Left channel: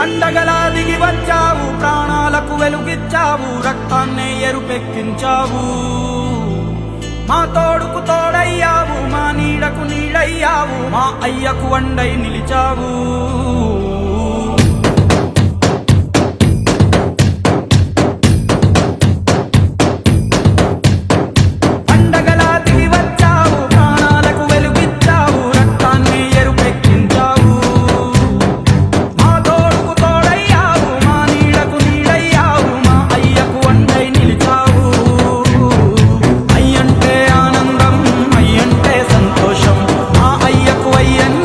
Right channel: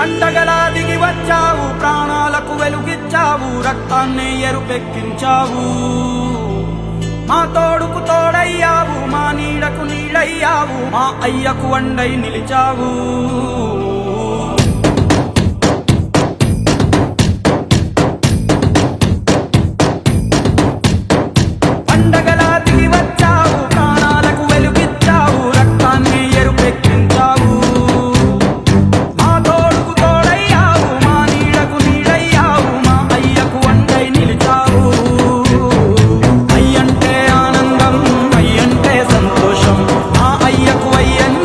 పండగలా దిగి వచ్చావు, ప్రాణాలకు వెలుగిచ్చావు, రక్తాన్నే ఎరుపెక్కించావు. మా తోడుకు తోడయ్యావు, మా నీడకు నీడయ్యావు, మా అయ్యకు వండై నిలిచావు. పండగలా దిగి వచ్చావు, ప్రాణాలకు వెలుగిచ్చావు, రక్తాన్ని ఎరుపెక్కించావు. మా తోడుకు తోడయ్యావు, మా నీడకు నీడయ్యావు, మా అయ్యకు వండై నిలిచావు. అయ్యంటే ఆనందం, అయ్యంటే సంతోషం, మా అయ్యకు అయ్యన్